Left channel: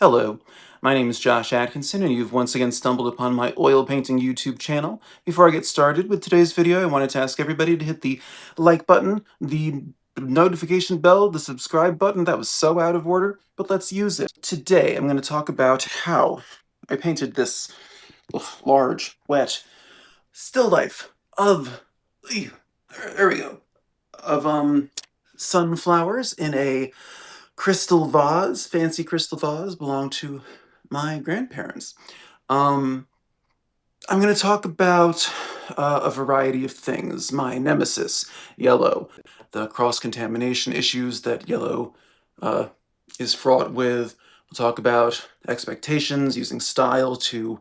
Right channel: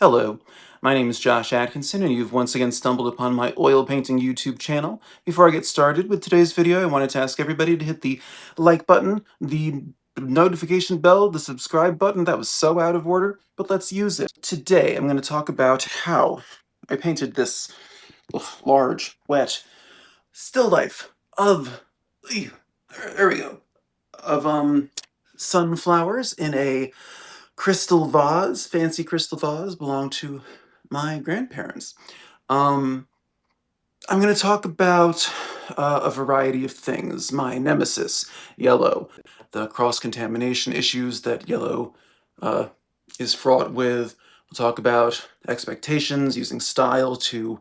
Hello, my name is Josh Atkinson, and you've once again stumbled upon my oil painting YouTube channel. Before I get started with today's video, I wanted to ask everybody to hit the like button, the notification bell, the subscribe button. That was so out of order, but let's use it. Today, I'm going to talk about how I painted this large, wet still life of, there we go, of sunflowers in a crystal vase, fancy crystal vase, belonged to my grandparents. Um, I'm going to talk about a variety of things. My nemesis, yellow, the cross-contamination issues that yellow uh, is fraught with. We'll talk about expectations, using style to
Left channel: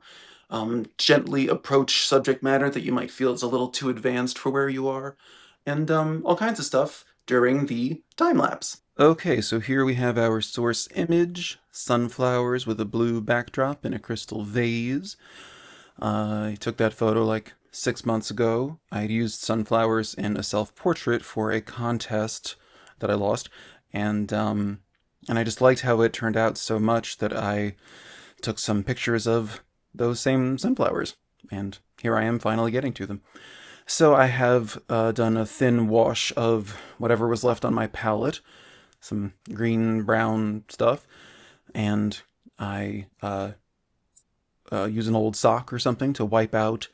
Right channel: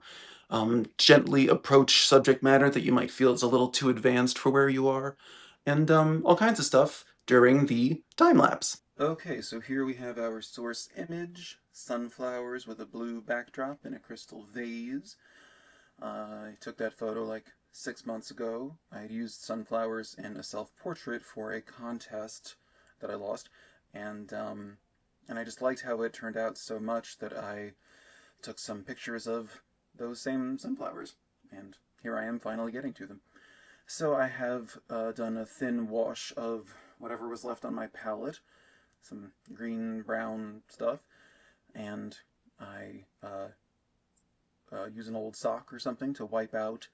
gently approach subject matter that you might feel is a little too advanced for where you are, and all kinds of stuff during the time-lapse. Okay, so here we have our source image, sunflowers with a blue backdrop in a crystal vase. I took that photo like 6 months ago. I had used sunflowers in a self-portrait for a contest that I lost, and I just liked how it turned out so much that I took some pictures of those same sunflowers, and here I am finally getting to them. So I have done a thin wash of whatever was left on my palette, some green brown stuff, and I use an old sock or something to wipe out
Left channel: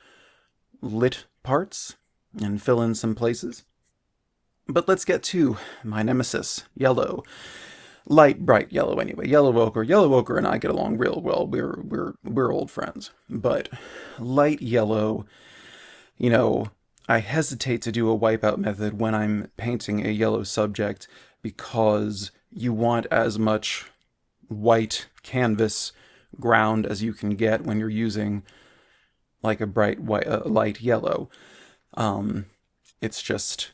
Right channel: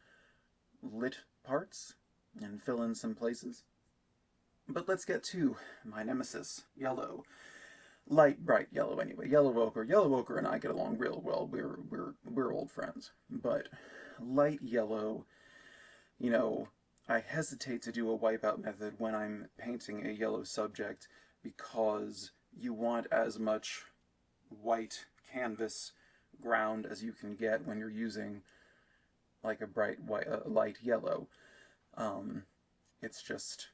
lit parts and fill in some places. But let's get to my nemesis, yellow. Light, bright yellow anyway. Yellow Ochre and I get along real well. We're old friends. But light yellow, you know, I hesitate to do a wipeout method when I'm painting a yellow subject because you want as much white canvas ground as you can get when you're using like a bright white, light yellow. It's just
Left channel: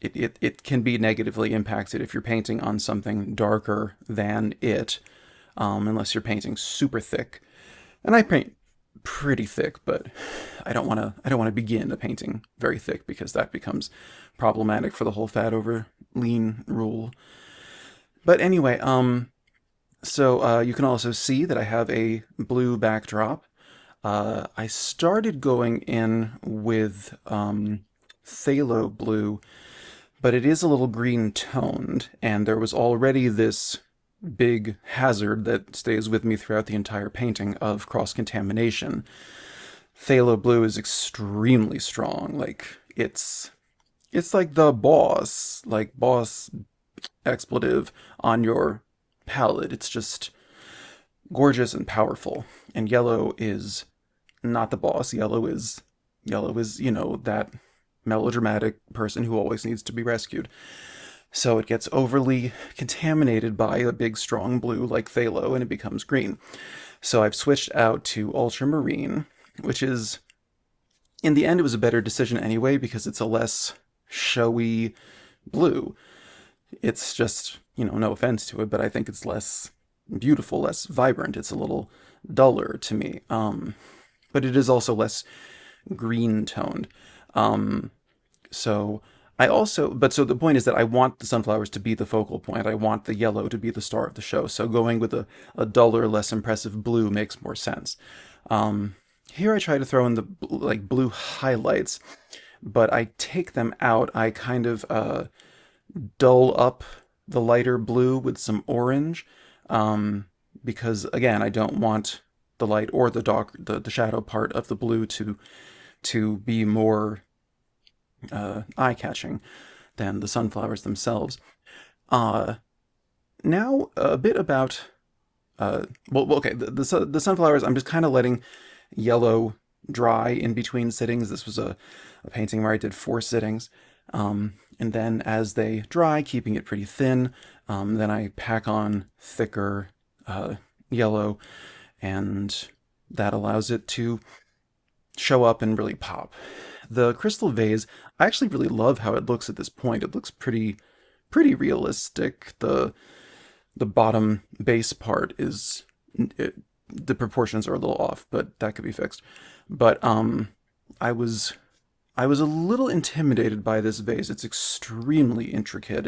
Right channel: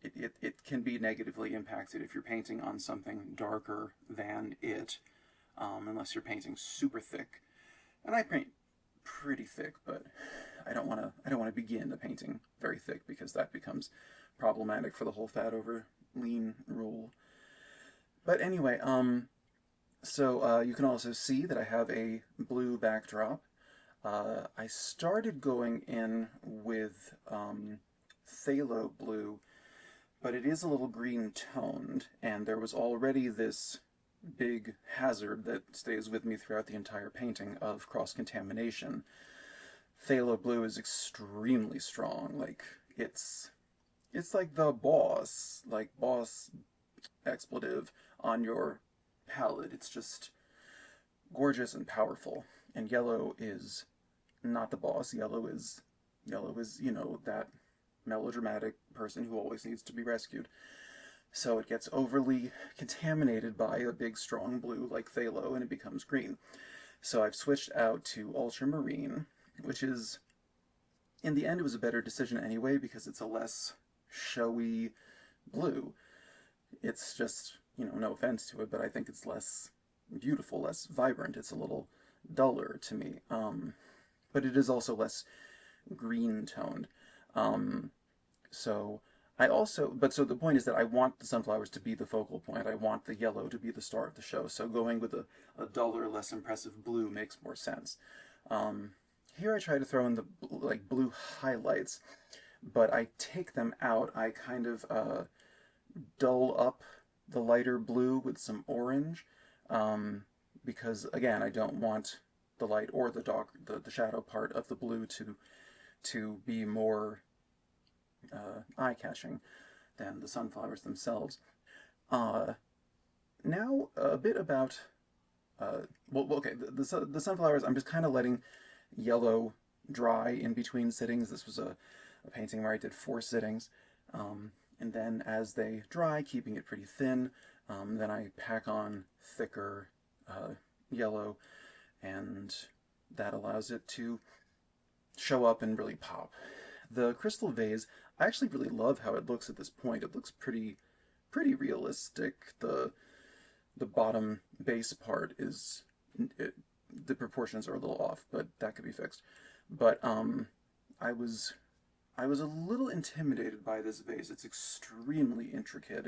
it can be negatively impacted if you're painting on something darker than it, unless you're painting super thick. And I paint pretty thick, but I don't want to begin a painting very thick because that becomes problematic for the whole fat over lean rule. But anyway, so you can also see that I have a blue backdrop. I started going in with phthalo blue, but it is a little green toned, and there was already this big hazard that stays with me throughout the entire painting of cross-contamination. Phthalo blue is extremely strong. Like, it's like the boss expletive on your palette. It's just gorgeous and powerful. And yellow is not the boss. Yellow is, that melodramatic person who always needs to be rescued. So it gets overly contaminated by a big strong blue like phthalo and it becomes green. So I've switched out to ultramarine, which is, in the end, it was a better decision anyway because it's a less showy blue. It's just, no offense to it, but I think it's less beautiful, less vibrant. It's a little duller to me. But it is also less green toned. So so the point is that I want the sunflowers to be the focal point. I want the yellow to be the star of the show. So going with a duller, less impressive blue makes more sense. Here I try to throw in the blue highlights, but I take them out. I kind of dull up the lighter blue with some orange, because again, I don't want the light or the dark, the shadow part of the blue to be more eye-catching than the sunflowers themselves. Uh, Now a bit about okay, the sunflowers. I'm just kind of letting yellow dry in between sittings. This was a painting where I did 4 sittings, and then as they dry, keeping it pretty thin, then I pack on thicker yellow, and that allows it to show up and really pop. The crystal vase, I actually really love how it looks at this point. It looks pretty realistic. The bottom base part is the proportions are a little off, but that could be fixed. But I was I was a little intimidated by this vase. It's extremely intricate.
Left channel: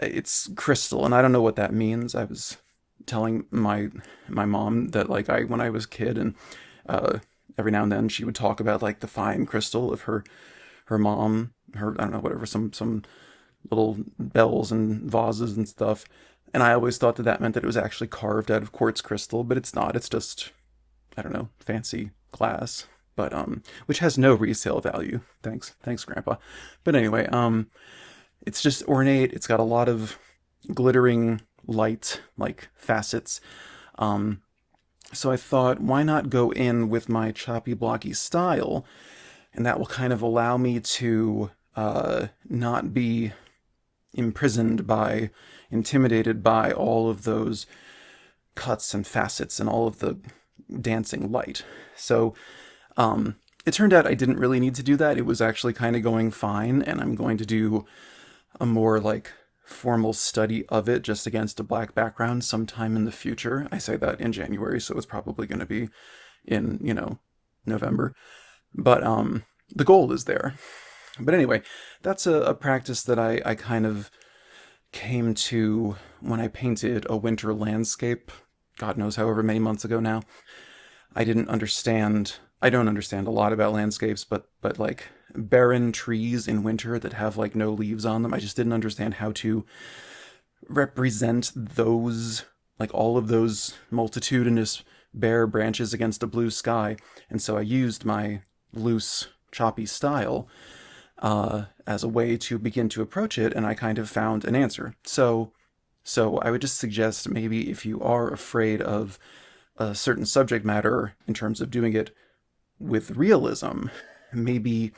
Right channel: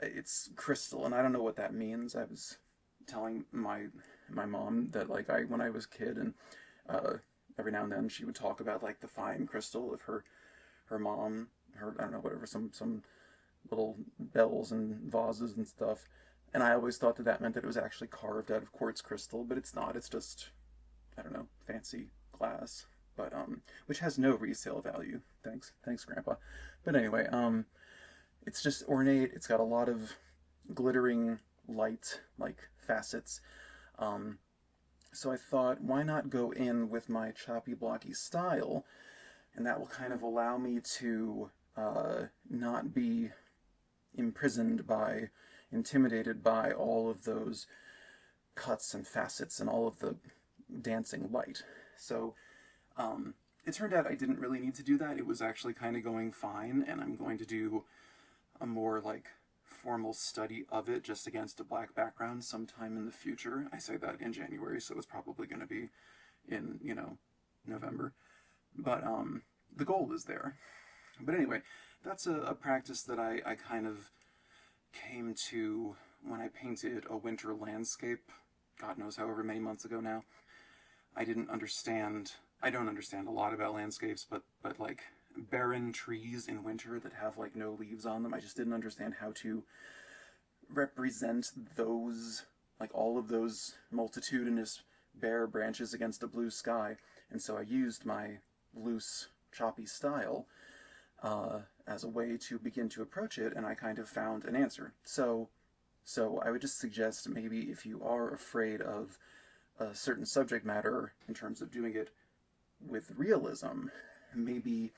It's crystal, and I don't know what that means. telling my mom that like I when I was a kid and uh, every now and then she would talk about like the fine crystal of her mom, her I don't know whatever some little bells and vases and stuff. And I always thought that that meant that it was actually carved out of quartz crystal, but it's not. It's just, I don't know, fancy glass, but which has no resale value. Thanks, Grandpa. But anyway, it's just ornate. It's got a lot of glittering light, like facets. Um, so I thought, why not go in with my choppy blocky style, and that will kind of allow me to not be imprisoned by, intimidated by all of those cuts and facets and all of the dancing light. So it turned out I didn't really need to do that. It was actually kind of going fine, and I'm going to do a more like formal study of it just against a black background sometime in the future. I say that in January, so it's probably going to be in, November. But the goal is there. But anyway, that's a practice that I kind of came to when I painted a winter landscape, God knows however many months ago now. I don't understand a lot about landscapes, but like barren trees in winter that have like no leaves on them, I just didn't understand how to represent those, like all of those multitudinous bare branches against a blue sky. And so I used my loose, choppy style as a way to begin to approach it, and I kind of found an answer. So I would just suggest maybe if you are afraid of a certain subject matter in terms of doing it with realism, maybe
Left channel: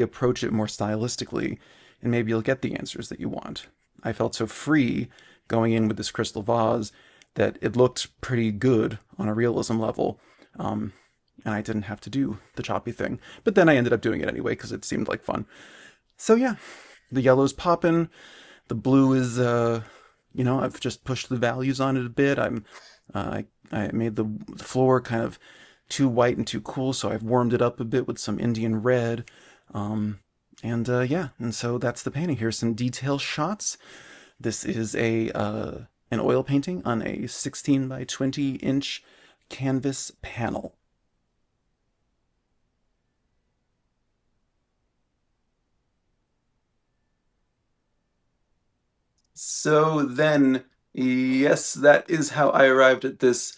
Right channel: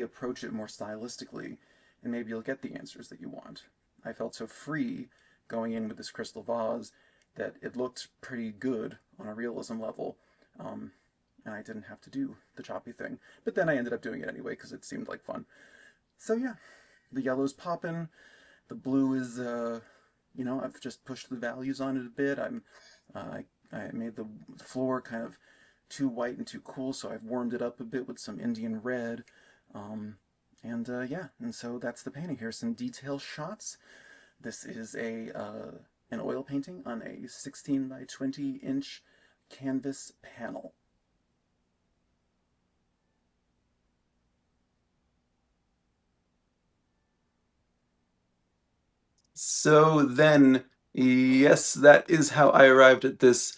approach it more stylistically, and maybe you'll get the answers that you want. I felt so free going in with this crystal vase that it looked pretty good on a realism level. And I didn't have to do the choppy thing. But then I ended up doing it anyway because it seemed like fun. So yeah, the yellow's popping. The blue is, I've just pushed the values on it a bit. I made the floor kind of too white and too cool, so I've warmed it up a bit with some Indian red. And so that's the painting. Here's some detail shots. This is an oil painting on a 16 by 20 inch canvas panel. So then, yes, that is how I arrived at this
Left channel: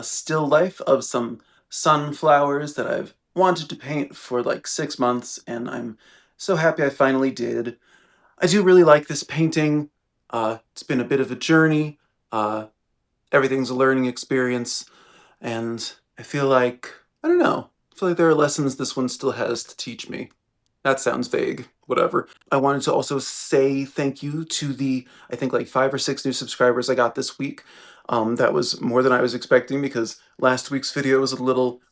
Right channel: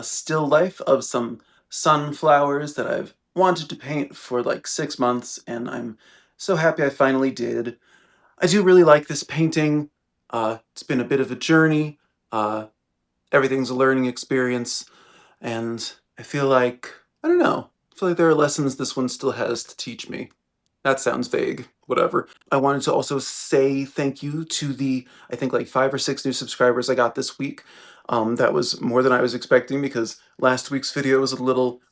still life of some sunflowers that I've wanted to paint for like 6 months, and I'm so happy I finally did. I do really like this painting. It's been a bit of a journey. Uh, Everything's a learning experience, and I feel like, I don't know, I feel like there are lessons this one still has to teach me. That sounds vague. Whatever. I wanted to also say thank you to the, I think like 5 or 6 new subscribers I got this week. That was more than I was expecting because last week's video was a little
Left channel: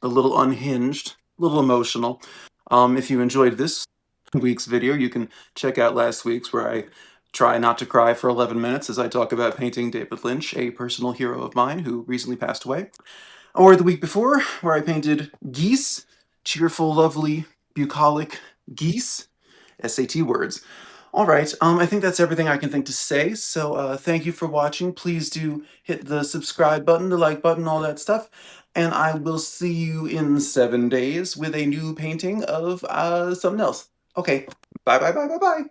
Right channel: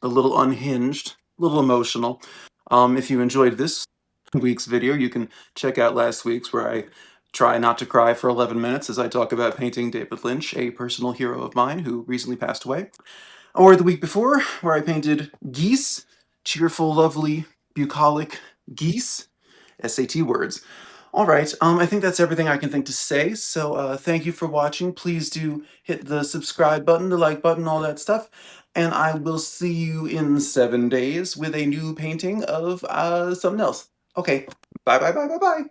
unhinged, a little emotional. If you enjoyed this week's video, you can check out last week's where I try not to cry for 11 minutes as I talk about painting David Lynch, a personal hero of mine who recently passed away. Or the week before, where I painted geese, cheerful, lovely, bucolic geese. SAT words. All right, I think that's everything I can think to say, so thank you for watching. Please do hit the subscribe button, the like button, all that stuff, and I will see you in 7 days with a new painting of something else. Okay, bye bye bye bye bye!